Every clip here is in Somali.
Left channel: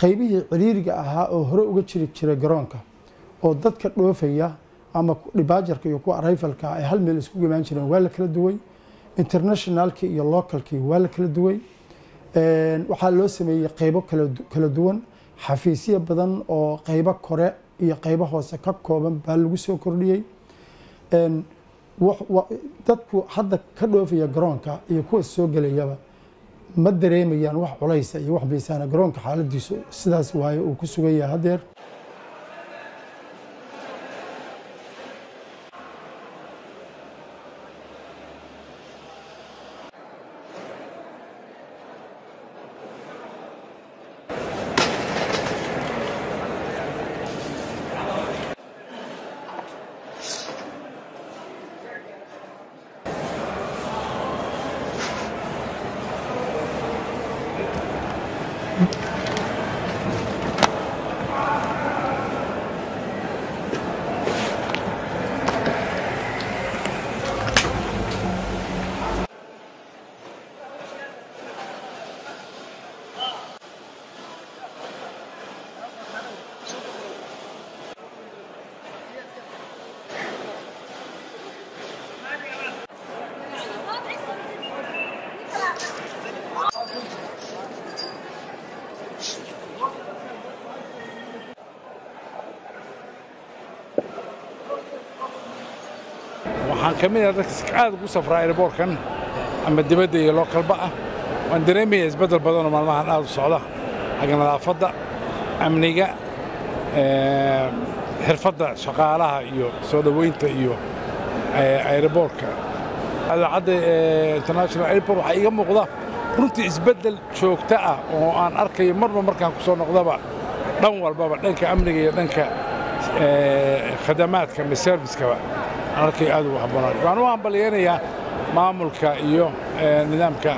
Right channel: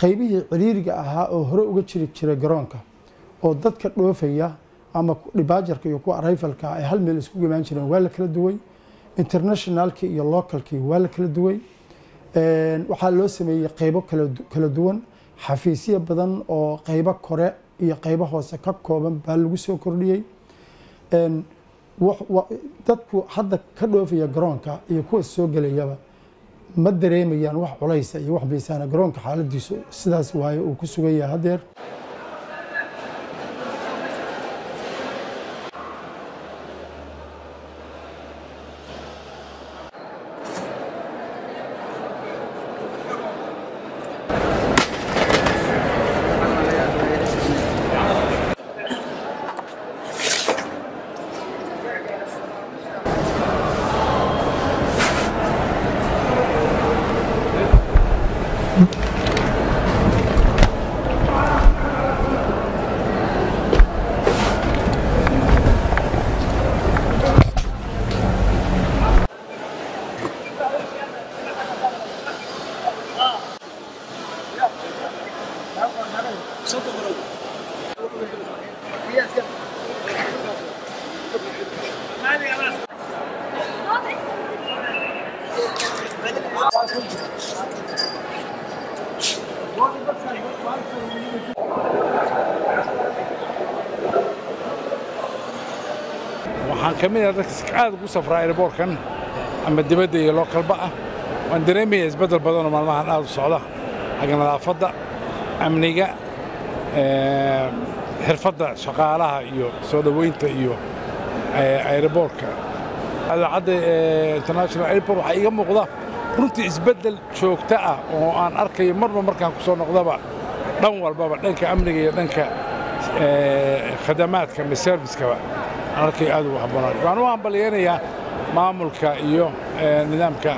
qaybihii ciriiriga ahaa oo hore uga jira garoonka oo dadka dhoofaya ama dibaajarka iyo kuwa arrivalka ay hal meel isku imaan jireen waa la kala duway internationalki iyo localki waa la kala duway waxaa loo sameeyay qaybo kala duwan xafiisyo badan oo qaybo kore iyo qaybo hoose ka kooban baa lagu soo kordhiyay dadku hadda ka dhoofaya garoonka iyo kuwa soo galayaba ma dareemayaan wax culays iyo wax miisaan garoonka xaaladiisu sidaas waaye uu ku sugan yahay hadeer waxaan kamid ah dadka aad ugu safraa airportkan ama dibadda iyo localba ah waan dareemayaa isbedel badan oo maalmahan aad u socda xagga nadaafadda amniga xirfadda shaqaalaha iyo soo dhaweynta iyo airportka idaacadda international airport waxaa iga muuqda runtii isbedel joogto ah oo aan arkayo marba markaan ku soo noqdaba dhan walbaba dhanka amniga iyo dhanka khadamaadka ama servicekaba arkay aad u habboonaan waxaan u hambalyeeynaya maamulka iyo nidaamka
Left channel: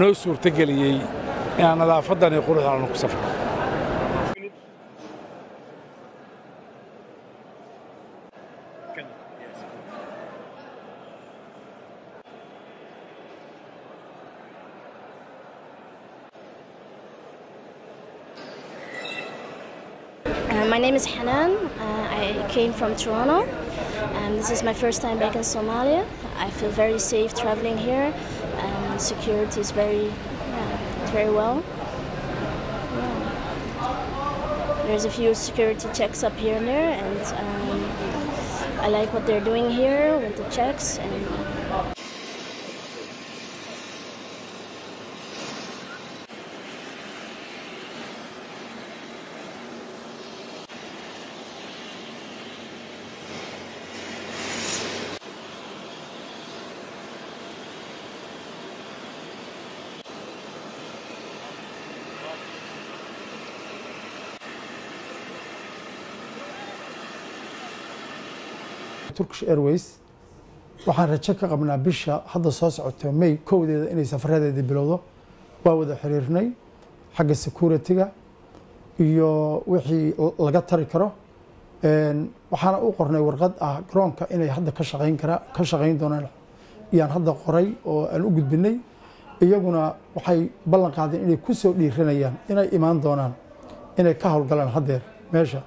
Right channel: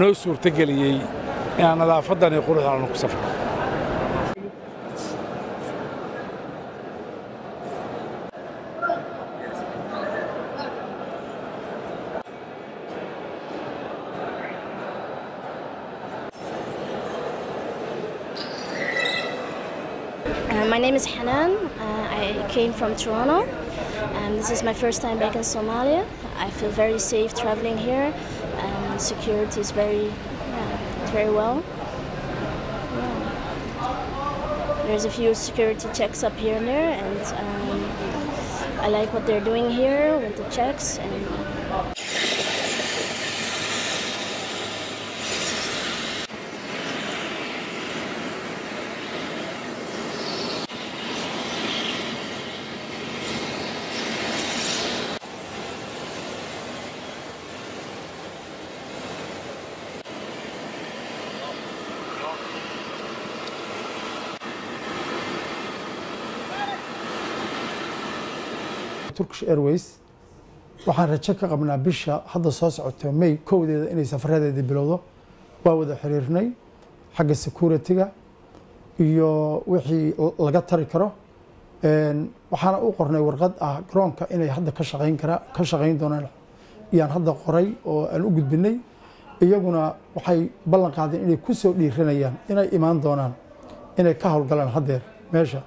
noo suurtageliyey inaan nadaafadan iyo quruxdan ku safro My name is Hanan. I came from Toronto. This is my first time back in Somalia. I feel very safe traveling here. Security is very well. There's a few security checks up here and there, and I like what they're doing here with the checks. Turkish Airways waxaan rajo ka qabnaa bisha hadda soo socota May 1deeda inay safaradeeda bilowdo waa wada xiriirnay xagga security-ga iyo wixii laga tari karo waxaana u qornay warqad ah garoonka inay hadda ka shaqayn doonaan iyaan hadda qoray oo aan u gudbinay iyaguna waxay ballan qaadeen inay ku soo dhiiranayaan inay imaan doonaan inay ka howlgalaan hadeer meesha